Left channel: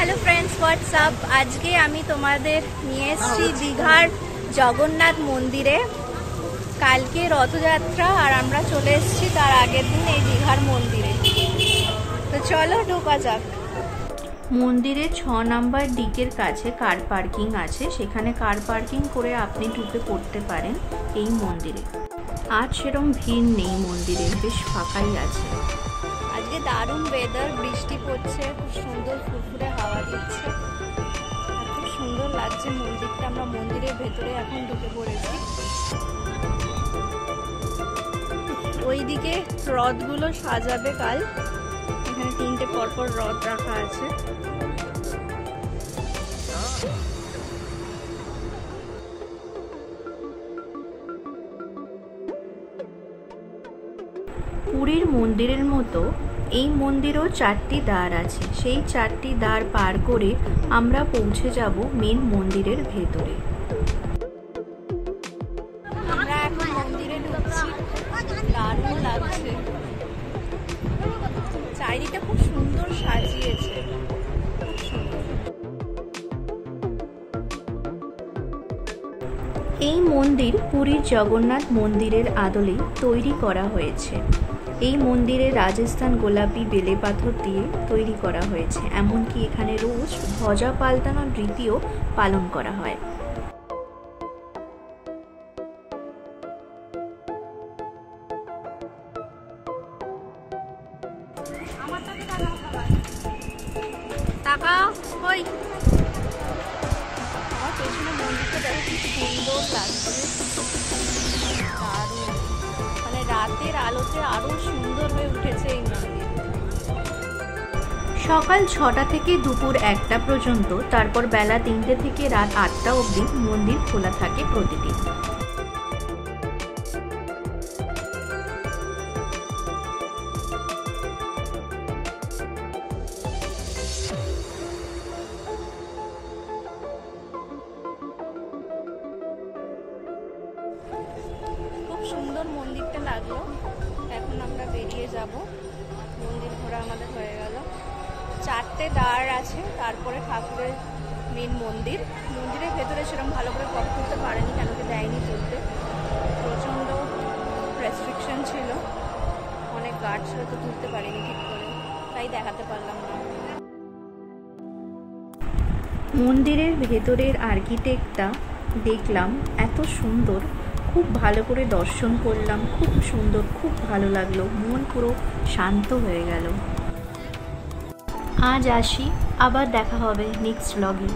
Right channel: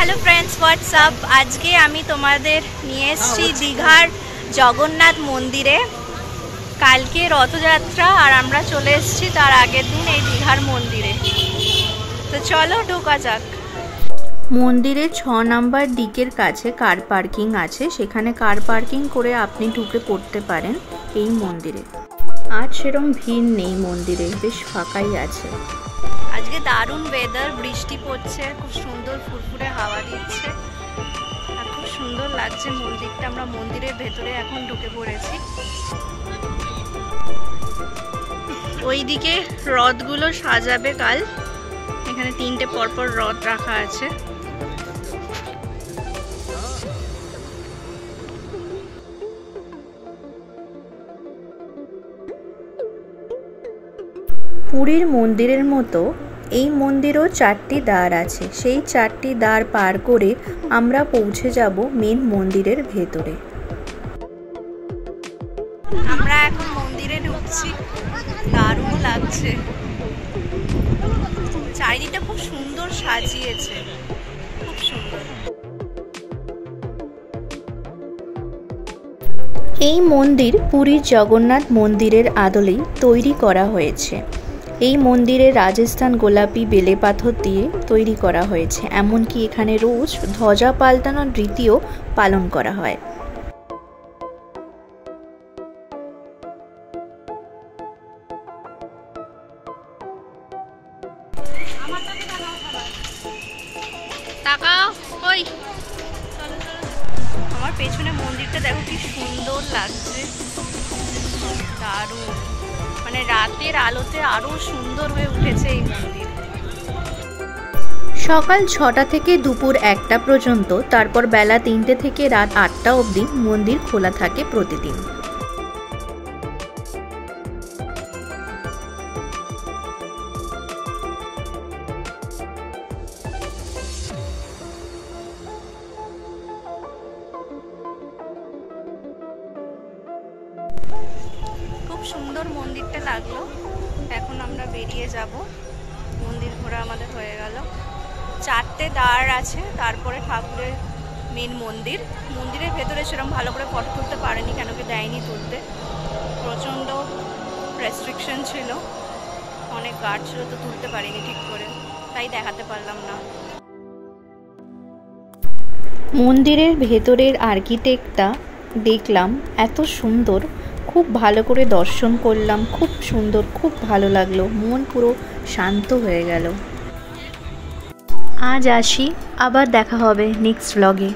Hello friends WhatsApp. आज के आमी तुम्हादेर निये एसेछि दीघार जगन्नाथ मंदिरे। कल के रथयात्रा और आमरा चले एसेछि तार आगेर दिन एई दीघार मंदिरे। तो चलो ढोका जाक। मंदिरे 6 नम्बर दिकेर काछे कार पार्किंग आछे, सेखाने कार पार्किंग करे आपनि ढुके पड़ते पारेन एई मंदिरे। आज सेरकम भीड़ नेই मंदिरे, बेश फाঁকাই আছে। আজকে দারুণ ওয়েদার, বৃষ্টি পড়ছে, খুব সুন্দর ফুরফুরে হাওয়া দিচ্ছে আর খুব সুন্দর লাগছে মন্দিরটা। আমরা মন্দিরের ভেতরে এখন ঢুকে পড়েছি। ওইদিকে রথগুলো সাজাবে কাল। এখানে 3টে পরপর রথ রাখা আছে। পুরীর মন্দিরের মতো এই মন্দিরেও 4টি দ্বার আছে। সেই 4টি দ্বার পার করে আমরা পৌঁছে যাব মেন মন্দিরের ভেতরে। আমরা এখন মন্দিরে ঢুকছি, দারুণ লাগছে। চারিদিকটা খুব সুন্দর সাজিয়েছে, খুব সুন্দর। এই মন্দির পুরীর জগন্নাথ মন্দিরের আদলেই তৈরি করা হয়েছে। এই মন্দিরে রাজস্থান গোলাপি বেলে পাথর দিয়ে তৈরি করা হয়েছে। এমনকি এখানে রোজ ধ্বজা পাল্টানোর রীতিও পালন করা হয়। তাকাও ওই আমার পেছনে মন্দিরটা দেখো কি সুন্দর লাগছে, দারুণ। মানে রাতের আলোতে আরো সুন্দর হয়ে উঠেছে এই মন্দির। সকাল 6টা থেকে দুপুর 1টা পর্যন্ত, তারপর বেলা 3টে থেকে রাত 8টা অবধি মন্দির খোলা থাকে প্রতিদিন। খুব সুন্দর মন্দিরটা লাগলো। এখন আমরা বেরিয়ে যাব। মন্দির ঘোরা আমাদের হয়ে গেল। 4টে দ্বার আছে, তারপরে ঠাকুরের মেন মন্দির। মন্দিরের ভেতরে সেরকম ভালো করে ফটো তুলতে পারেনি, কেন কি দেয়নি তুলতে। প্রচণ্ড রেস্ট্রিকশন ছিল, অনেক গার্ড ছিল, তো তুলতে পারিনি ঠিক করে, তাই দেখাতে পারলাম না। মন্দিরের ভেতরের আর্কিটেক্টটা দেখলাম এত সুন্দর, খুব ভালো করে দর্শন করলাম, খুব সুন্দর, খুব ভালো লাগলো, মন পুরো শান্ত হয়ে গেল। আজ আসি, আবার দেখা হবে নেক্সট ব্লগে।